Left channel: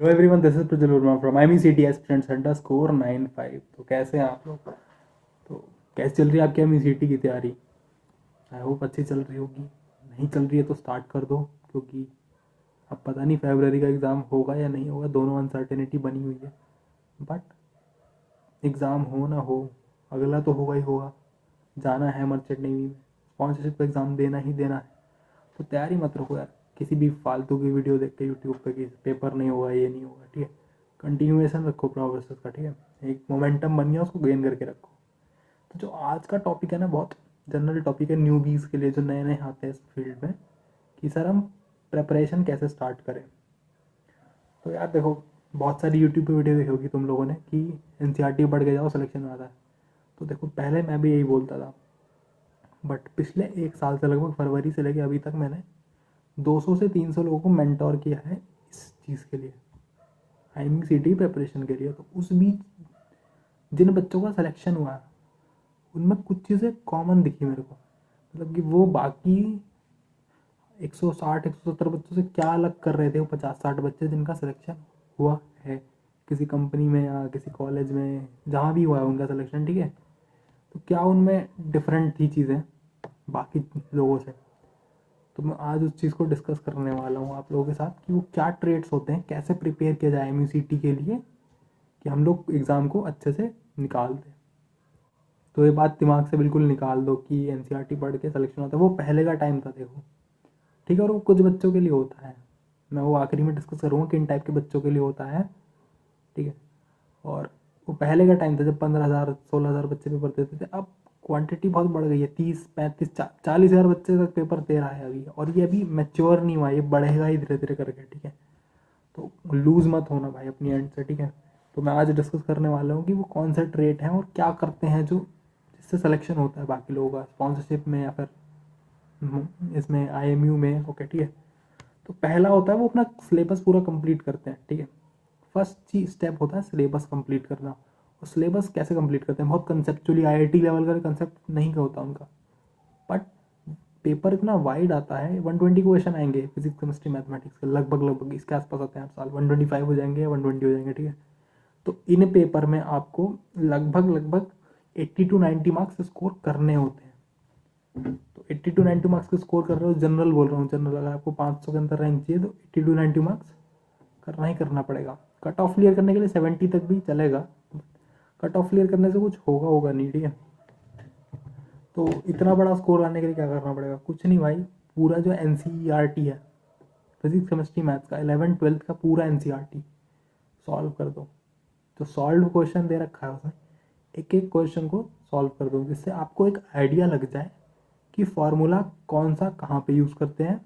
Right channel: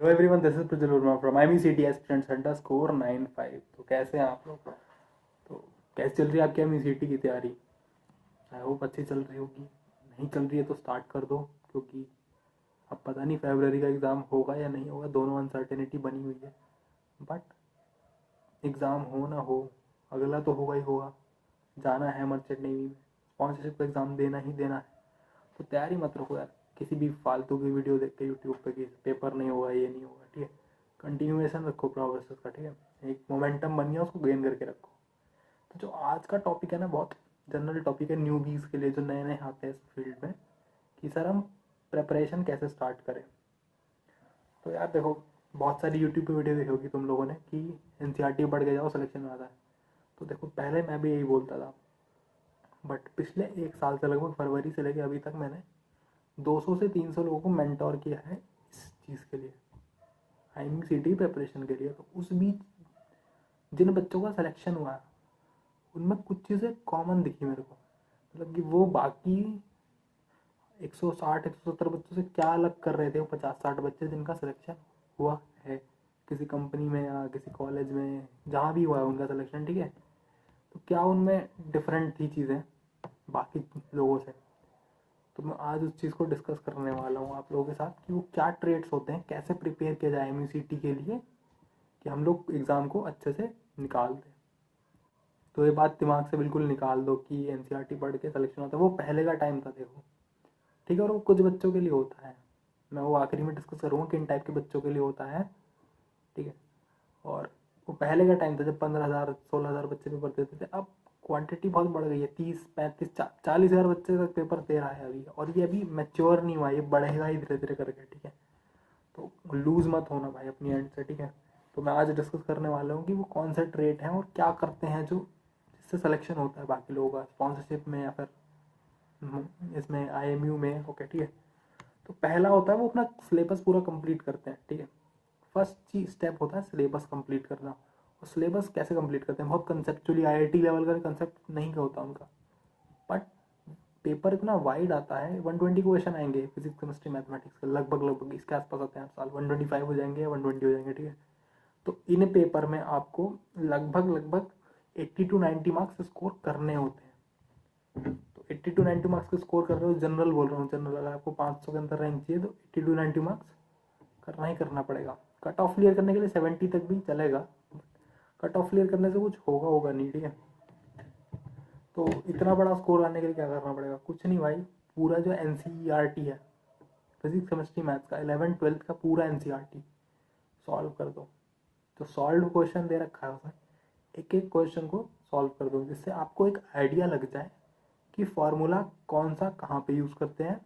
Hello everyone, this is Prajwal Verma from MECT aspirants अड्डा score 95। तो कैसे हैं आप लोग? तो कैसे चल रही है आपकी MECT की तैयारी? आई होप अच्छी चल रही होगी। नहीं चल रही है तो स्टार्ट कर दो, क्योंकि अब पता नहीं फरवरी का एग्ज़ाम होगा या नहीं होगा। दोनों अनसर्टेनिटी बनी हुई है। बट एग्ज़ाम हो ना हो, अगला तो होगा ही होगा। जाना है मर्चेंट नेवी में, स्पॉन्सरशिप का एग्ज़ाम देना ही देना है। तो तैयारी मत रखो यार किसी भी फालतू की वीडियो देख के यूट्यूब पे कि पेपर नहीं होगा, ये नहीं होगा। ठीक है, कंटिन्यूएशन रखो प्रोग्रेस का। ठीक है, एक मोमेंटम बन गया, उसको गेन करके रखो। तो जो आज का टॉपिक है ना, बहुत जनरल टॉपिक है न्यूबीज़ के लिए जो नए नए आते हैं इस फील्ड में, कि सर हम प्रेपरेशन कैसे स्टार्ट करें। तो यार देखो, बहुत सारी यूट्यूब पे वीडियो देखी होगी तुम लोगों ने कि NCERT पढ़ के जाओ, सिलेक्शन में आता है। तो देखो, पहले मैं भी यही बोलता था, बट पिछले एक साल से लगभग फरवरी से लेके अभी तक मैंने 200 से 300 लोगों को मेंटोर किया है इस चीज़ के लिए, IMCT प्रिपरेशन के लिए। तो उस बीच जिन बच्चों का सिलेक्शन हुआ उनमें कुछ चीज़ें कॉमन दिखी मेरे को। मतलब कि वो बाकी 160 170 बच्चों से क्या अलग कर रहे थे वो 50-60 बच्चे जिनका सिलेक्शन हुआ है किसी कंपनी में या किसी कॉलेज में, जहाँ भी हुआ है उनका सिलेक्शन। ठीक है, तो क्या उनमें डिफरेंट थी चीज़ें बाकी लोगों से। तो मैं आज उस चीज़ को डिस्कस करने वाला हूँ आप लोगों के साथ कि वो क्या ट्रेड्स होते हैं, कैसे प्रिपेयर किया जाए MECT के लिए कि हम लोग एग्ज़ाम को अच्छे से निकाल दें। तो ये बात दिमाग से बिल्कुल निकाल दो कि NCERT पढ़ के सिलेक्शन होता है, वो पहले का टाइम था देखो। ठीक है, और वो कुछ बच्चों के लिए होता है। मैं वो आखिरी में डिस्कस करूँगा किन टाइप के बच्चों के लिए होता है। ठीक है, और वो पहले का टाइम था जब 15,000 16,000 बच्चे पेपर देते थे। अब क्वांटिटी बहुत बढ़ गई है, 30 35 40,000 बच्चे तक पेपर दे रहा है अभी, और ये अभी मैच्योर नहीं हुआ, ये बढ़ेगा ही धीरे धीरे करके। ठीक है, तो लूज़ मत होना भाई अपनी एंड से। ठीक है, तो मैं आज डिस्कस करने वाला हूँ कि वो कौन से ट्रेट हैं और क्या करते हैं जो जिससे सिलेक्शन होता है बाकी लोगों का स्पॉन्सरशिप में या फिर इसमें IMU में। ओके, ठीक है। तो पहला होता है वो अपना सिलेबस पूरा कंप्लीट करते हैं। ठीक है, फर्स्ट चीज स्टेप होता है सिलेबस कंप्लीट करना। और सिलेबस कैसे कंप्लीट करते हैं, बहुत कंसेप्चुअली IIT लेवल का कंसेप्ट नहीं होता उनका। बट पेपर इतना वाइड आता है, 120 क्वेश्चन आएंगे फिजिक्स केमिस्ट्री मैथमेटिक्स के, लगभग लगभग इसके आसपास आते हैं हर साल। 125 हो जाएंगे या 120 हो जाएंगे। ठीक है, तो इन पेपर में आपको लगभग लगभग 80 to 90 मार्क्स स्कोर करने होते हैं। तो 80 to 90 मार्क्स के स्कोर कर रहे हो, जनरल बोल रहा हूँ, जनरल अगर आपको 500 के अंदर रैंक चाहिए तो 80 to 90 मार्क्स करना ही करना पड़ेगा। कट ऑफ क्लियर करने के लिए 70 तक भी चलेगा। कट ऑफ क्लियर करने से कुछ होगा होगा नहीं। ठीक है, तो इतना बड़ा स्कोर लाने के लिए क्या करना पड़ेगा? कुछ नहीं भाई, पूरा जो NCERT है, फिजिक्स केमिस्ट्री मैथ्स का 11th 12th का पूरा NCERT सॉल्व कर दो। जो सॉल्व क्वेश्चन दे रखा है उसमें एक एक क्वेश्चन को सॉल्व कर दो, जिससे आपको एक आइडिया लग जाए कि फॉर्मूला कौन सा कहाँ पे यूज़ करते हैं,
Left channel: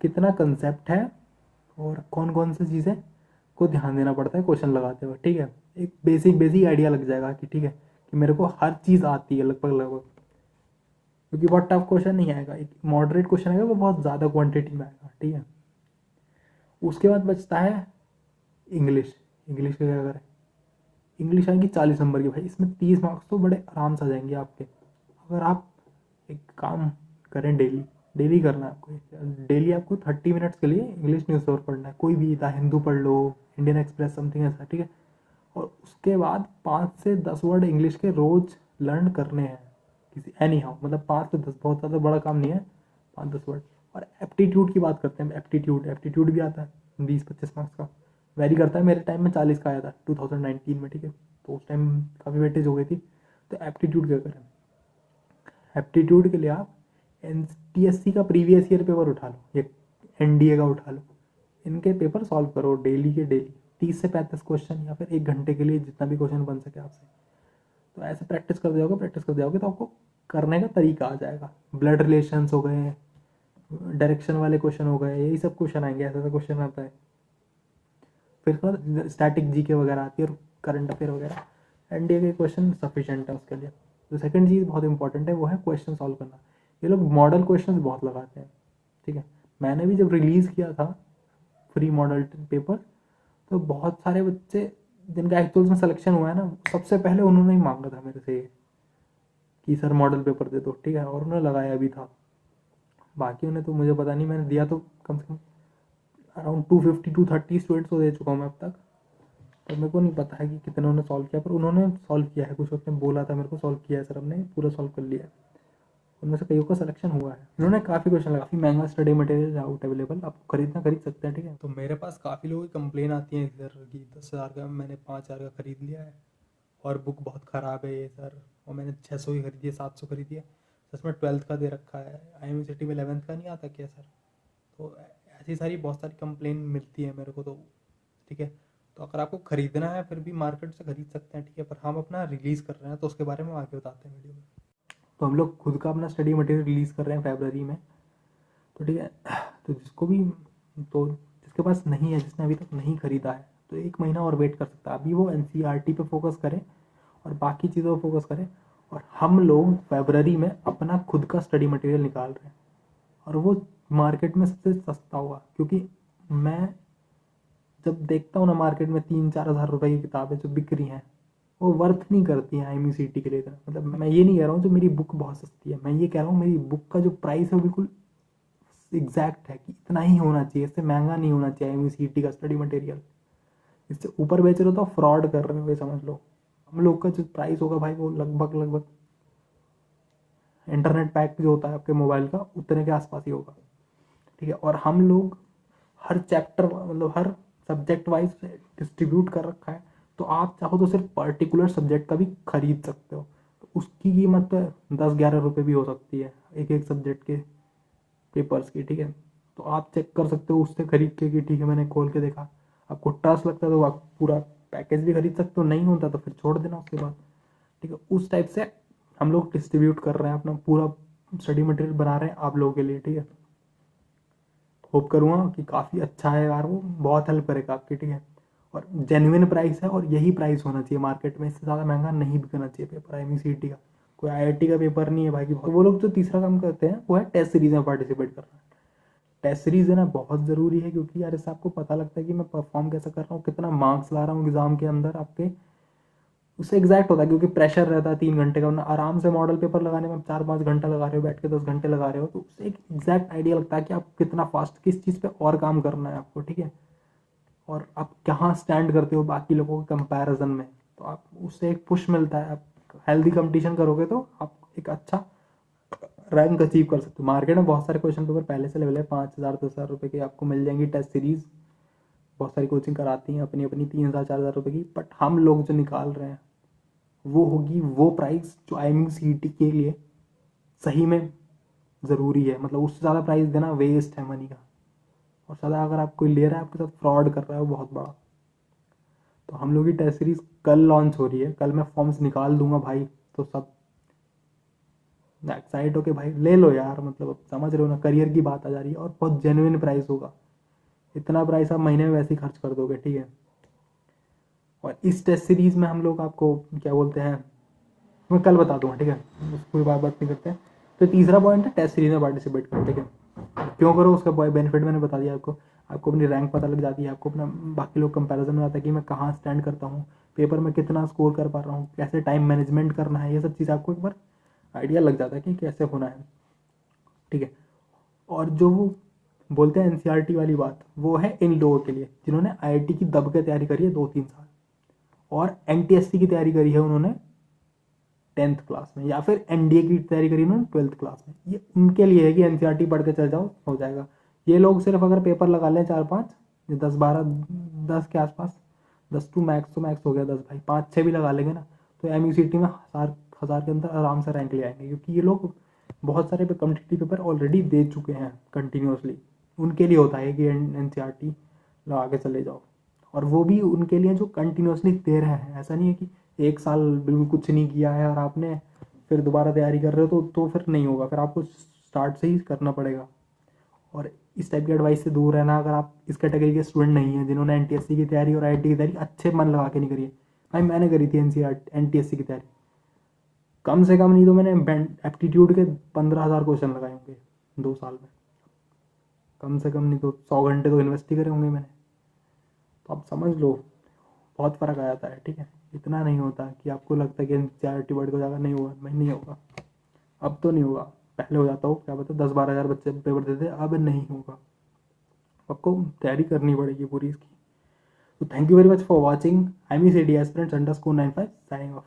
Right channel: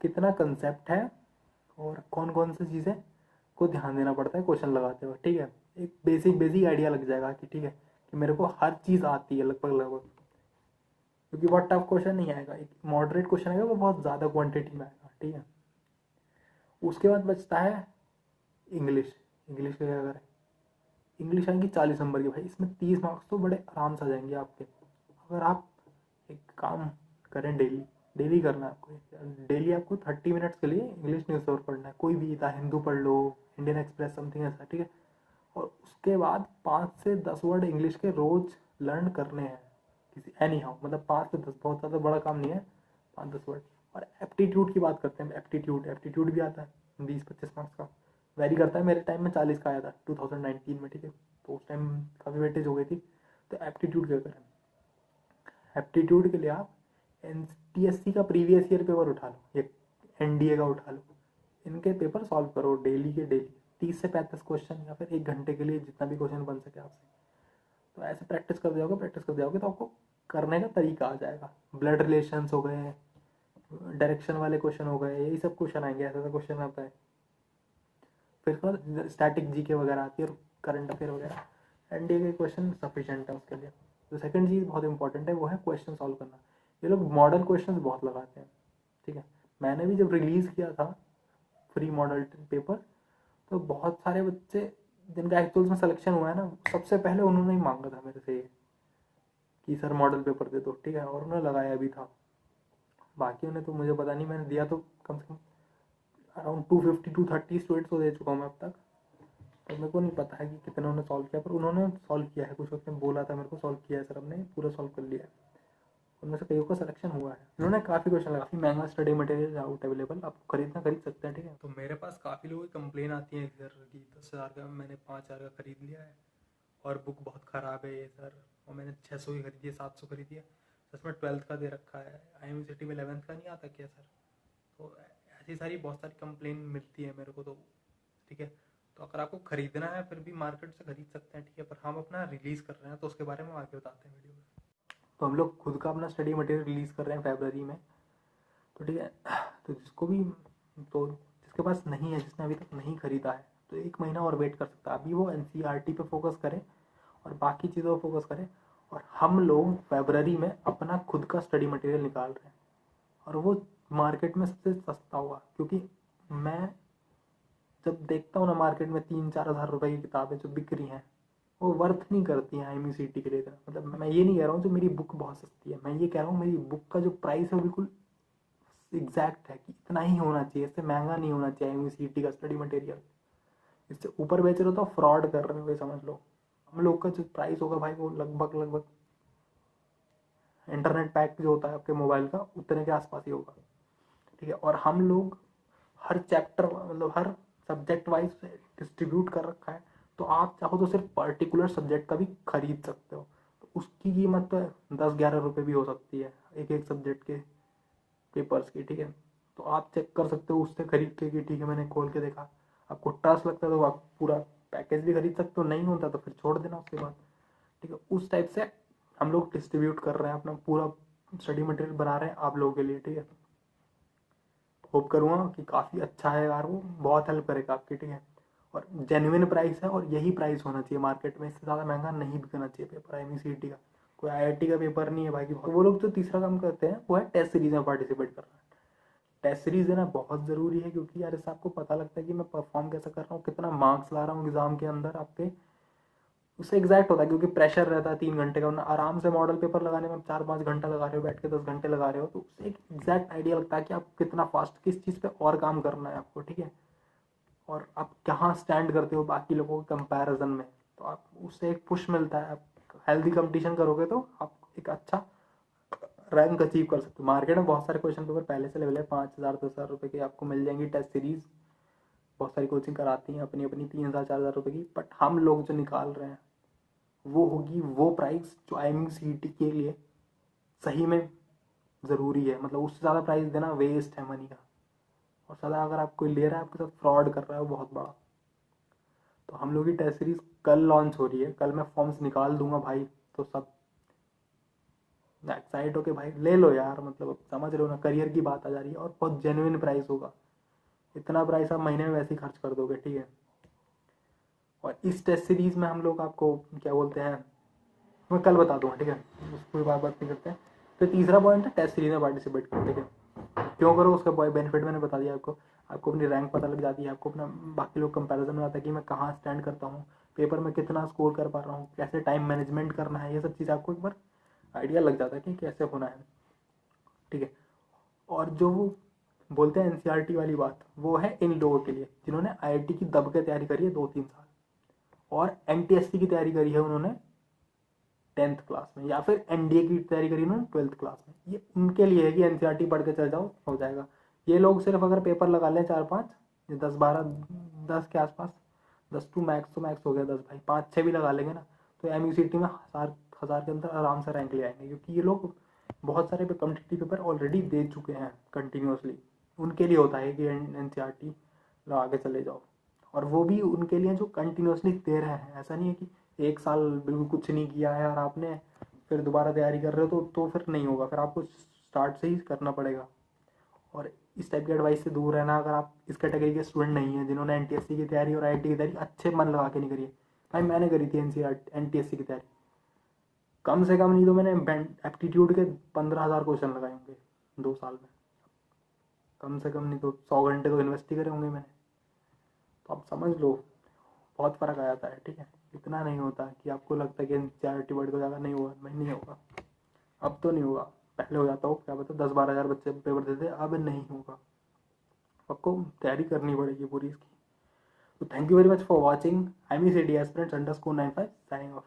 कितना कंसेप्ट है, और कौन कौन सी चीज़ें को ध्यान देना पड़ता है क्वेश्चन लगाते हुए। ठीक है, एक बेसिक बेसिक आइडिया लग जाएगा कि ठीक है कि मेरे को हर चीज़ आती है लगभग लगभग। क्योंकि बहुत टफ क्वेश्चन नहीं आएगा, एक मॉडरेट क्वेश्चन आएगा, वो बहुत ज़्यादा क्वांटिटी में आएगा। ठीक है, उसके बाद बचता है इंग्लिश। इंग्लिश का क्या करें? इंग्लिश आएंगी 40 नंबर की भाई, इसमें 30 मार्क्स तो बड़े आराम से आ जाएंगे आपके। अगर आप एक काम करें, डेली डेली करना है आपको। डेली आपको 30 मिनट्स के लिए इंग्लिश न्यूज़पेपर पढ़ना है, कोई भी, द हिंदू पढ़ लो, इंडियन एक्सप्रेस, समथिंग ऐसा। ठीक है, और उसके बाद 5 से 10 वर्ड इंग्लिश के रोज लर्न करने हैं किसी एनी हाउ, मतलब 5 से 10, बहुत ज़्यादा बड़ा काम नहीं है, 5-10 वर्ड। और एप्टीट्यूड की बात करते हैं, एप्टीट्यूड एप्टीट्यूड भी आता है 20-25 मार्क्स का, वेरी करता है। मेरे टाइम में 40 का आया था 2019 में। ठीक है, तो उस टाइम काफ़ी वेटेज हो गई थी। तो एप्टीट्यूड क्या करें? एप्टीट्यूड के लिए आप NTSC का प्रीवियस ईयर पेपर उठा लो या NDA का उठा लो, इनके पेपर सॉल्व करो डेली के डेली, 30 से 35 क्वेश्चन, या फिर 1 घंटे के लिए जितना भी क्वेश्चन बन सके आपसे। तो ऐसे प्रैक्टिस कर जाओगे तो आपको करने का तरीका आ जाएगा। ब्लड रिलेशंस हो गए, डायरेक्शन वाले क्वेश्चन हो गए, यही सब क्वेश्चन आएंगे, ऐसा ऐसा क्वेश्चन आता है। फिर स्टैटिक GK वगैरह आती है, और करंट अफेयर वगैरह। NDA के क्वेश्चन सफिशेंट है उसके लिए। तो सेकंड चीज़ बहुत इंपॉर्टेंट है, वो है क्वेश्चन सॉल्व करना। ये लोग मॉडल क्वेश्चन बहुत लगाते हैं। ठीक है, मैंने भी जब रिलीज़ किया था फ्री मॉडल पेपर, तो बहुत सारे बच्चे जिनका एक्चुअल में सिलेक्शन हुआ है ना, सबसे पहले उन्होंने ही मांगा था मेरे से ये कि सर मॉडल पेपर दे दो। ठीक है, और उन्होंने लगाया भी था। बाकी उन्हें तो मुझे पता नहीं, मैंने दिया तो कम से कम अराउंड 250-230 स्टूडेंट्स को दे चुका हूँ मैं अब तक। तो मेरे को नहीं पता है कि कितने उन्होंने सॉल्व किया, पर उन्होंने सॉल्व किया है। कुछ उसने बोला था मेरे को, सॉल्व किया है सर, हमने पूरा सॉल्व कर लिया है। उनमें से कईयों का सिलेक्शन हुआ है। उन्होंने काफ़ी क्वेश्चन लगा, काफ़ी महंगा स्टडी मटेरियल आउट अवेलेबल, आप खरीदना खरीद सकते हैं, ठीक है। तो मेरे पास काफ़ी लोगों की कंप्लेन आती है सर कि 10,000 का मैंने 5,000 का खरीद लिया है और बुक बहुत ख़राब है ये सर, और मैंने 600 की खरीदी है, 700 खरीदी है, इसमें 12th का दे रखा है, IMCT में 11th का नहीं आता क्या सर। तो ऐसी सारी बहुत सारी कंप्लेन मिलती है मेरे को, तो ठीक है। तो अगर आपको ख़रीदना है फिर भी मार्केट से खरीद सकते हैं, ठीक है। पर हम अपना रिलीज़ कर रहे हैं तो उसके बारे में आगे बताते हैं वीडियो में। तो हम लोग खुद का अपना स्टडी मटेरियल रिलीज़ कर रहे हैं फरवरी में, तो ठीक है। तो जिसको भी, तो जिसके पास नहीं है, जिसने अभी तक नहीं खरीदा है, तो 1 महीना और वेट कर सकता है। अभी वो NCERT पे फोकस करे और बाकी चीज़ों पर फोकस करें। और हम लोग फरवरी में अपना खुद का स्टडी मटेरियल निकाल रहे हैं और वो मार्केट में सबसे सस्ता होगा, क्योंकि मैं जब देखता हूँ ना मार्केट में 3-4 हज़ार रुपए की किताबें जो बिक रही हैं, वो वर्थ नहीं करती हैं IMCT के लिए इतना। मतलब मैं ये नहीं कह रहा हूँ जो मेरी बुक बहुत सस्ती है, मैं ये कह रहा हूँ मेरी बुक का जो प्राइस है वो बिल्कुल एग्जैक्ट है कि इतना ही होना चाहिए, इससे महंगा नहीं होना चाहिए IMCT का स्टडी मटेरियल। इससे ऊपर बेच रहे हो तो फ्रॉड कर रहे हो, ये समझ लो। हम लोग का जो प्राइस होगा भाई वो लगभग लगभग इंटरनेट पैक जो होता है आपके मोबाइल का उतने के आसपास ही होगा, ठीक है। और हम लोग हर चैप्टर, मतलब हर सब्जेक्ट वाइज डिस्ट्रीब्यूट कर रखा है, तो आप चाहो तो सिर्फ पर्टिकुलर सब्जेक्ट का भी खरीद सकते हो। तो उसकी कीमत तो 10-11 रुपये भी हो सकती है एक एक सब्जेक्ट के पेपर्स की, ठीक है। तो आप चेक कर सकते हो उससे खरीद के कि ठीक है मैंने खोल के देखा, आपको ट्रस्ट लगता है तो आप पूरा पैकेज भी खरीद सकते हो, नहीं होता तो फिर छोड़ देना उसके बाद, ठीक है। उस टाइप से हम लोग डिस्ट्रीब्यूट कर रहे हैं, अपना पूरा स्टडी मटेरियल बना रहे हैं आप लोगों के लिए, ठीक है। होप करूँगा कि काफ़ी अच्छा है यार, वो बहुत हेल्प करेगा आपकी, ठीक है। और जेन्युइन प्राइस है और यही प्राइस होना चाहिए मार्केट में, इससे ज़्यादा महंगा नहीं बिकना चाहिए पेपर IMCT का। कोई IIT का पेपर नहीं है भाई। तो वो लोग जो तीसरा काम करते हैं वो है टेस्ट सीरीज में पार्टिसिपेट करना। टेस्ट सीरीज देना बहुत ज़रूरी है, क्योंकि यार इससे आपको पता लगता है कि मैं परफॉर्म कैसे कर रहा हूँ, कितना मार्क्स ला रहा हूँ एग्जाम के अंदर आपके। उससे एग्जैक्ट होता है, क्योंकि प्रेशर रहता है 3 घंटे का, वरना आराम से मॉडल पेपर लगाने में 4-5 घंटा लगा रहे हो, बैठ के 10 घंटे लगा रहे हो, तो उससे एक एग्जैक्ट आइडिया लगता है कि आप कितना फास्ट किस चीज़ पे और काम करना है आपको, ठीक है। और आप कहाँ स्टैंड करते हो बाकी लोगों के कंपैरिजन में, तो आप उससे एक पुश मिलता है। आप हेल्दी कंपटीशन करोगे तो आप एक अच्छा रैंक अचीव कर सकते हो। मार्केट में बहुत सारे क्वेश्चन पेपर पहले से लेवल है, 5,000-10,000 रुपये की आपको मिल जाएंगी टेस्ट सीरीज। बहुत सारी कोचिंग कराती हैं अपनी अपनी 3,000-4,000 रुपये की, बट हम लोग जो निकाल रहे हैं वो होगी वो प्राइस जो IMCT के लिए सही में ज़रूरी है। मतलब उससे ज़्यादा प्राइस देना वेस्ट है मनी का, और ज़्यादा अगर आप कोई ले रहा है आपके साथ फ्रॉड कर रहा है वो बहुत बड़ा। तो हम लोग की टेस्ट सीरीज कल लॉन्च हो रही है, कल मैं फॉर्म्स निकाल दूंगा भाई। तो सब एक्साइट हो के भाई ले लो यार, मतलब अब समझ रहे हो ना, करियर की बात आ जा रही है और बहुत जेन्युइन प्राइस होगा। इतना प्राइस आप महीने में वैसे ही खर्च कर दोगे, ठीक है। और इस टेस्ट सीरीज में हम लोग आपको क्या बोलते हैं, मैं कल बता दूंगा, ठीक है, उसको बात नहीं करते हैं। तो तीसरा पॉइंट है टेस्ट सीरीज में पार्टिसिपेट करो, ठीक है। क्यों करो उसका बेनिफिट मैंने बता दिया आपको। आपको अपनी रैंक पता लग जाती है, आपको अपना बाकी लोग कंपैरिजन में आता है कि मैं कहाँ स्टैंड करता हूँ पेपर में, कितना स्कोर कर पा रहा हूँ, कैसे टाइम मैनेजमेंट करना है, ये सब चीज़ आपको एक बार आइडिया लग जाता है कि कैसे होना है, ठीक है। और जो वो बोलते हैं NCERT वाली बात, वो है इन लोगों के लिए जिन्होंने IIT की दब के तैयारी करी है 2-3 साल, और NTSC की तैयारी करी है उन्होंने 10th क्लास में, या फिर NDA की तैयारी करी उन्होंने 12th क्लास में। ये उनके लिए है कि NCERT पढ़ के चल जाओ हो जाएगा। ये लोग सिर्फ अगर पेपर लगा लें 4-5, 10-12, 10 के आसपास, 10 टू मैक्स, तो मैक्स हो गया 10 भाई, 5-6 भी लगा लेंगे ना, तो MUCT में हज़ार के अंदर आराम से रैंक ले आएंगे, क्योंकि ये लोग बहुत सारे कॉम्पिटिटिव पेपर ऑलरेडी दे चुके हैं कंटिन्यूसली। उनके लिए होता है कि NCERT लगा के चले जाओ, और वो भी उनके लिए जो कंटिन्यूसली दे रहे हैं। ऐसा नहीं है कि 1 साल बिल्कुल कुछ नहीं किया है और आपने फिर दोबारा तैयारी कर रहे हो, तो फिर नहीं होगा, फिर आपको स्टार्ट से ही करना पड़ेगा। और इस टाइप की एडवाइस से दूर रहना, अगर आप इस कैटेगरी के स्टूडेंट नहीं हैं जिन्होंने NTSC की तैयारी और IIT की तैयारी अच्छे मन लगा के नहीं करी है। भाई मैंने करी थी NTSC की तैयारी, कम से कम नहीं तो मैंने एप्टीट्यूड के 15,000 क्वेश्चन लगाए होंगे 2 साल में, कम से कम नहीं तो 100 घंटे तो इन्वेस्ट ही करे होंगे मैंने। तो आप समझ लो बहुत फ़र्क आ जाता है, ठीक है। इतना नहीं होता कि आपको लगता है कि NCERT वर्ड को ज़्यादा नहीं होगा, नहीं होगा, अब तो नहीं होगा, पहले हो जाता हो, क्या पता 10-12 हज़ार बच्चे पेपर देते, अब नहीं होगा। आपको तैयारी करनी पड़ेगी पूरी इसकी। तो thank you very much for watching. I am एस्पिरेंट्स_95 साइनिंग ऑफ।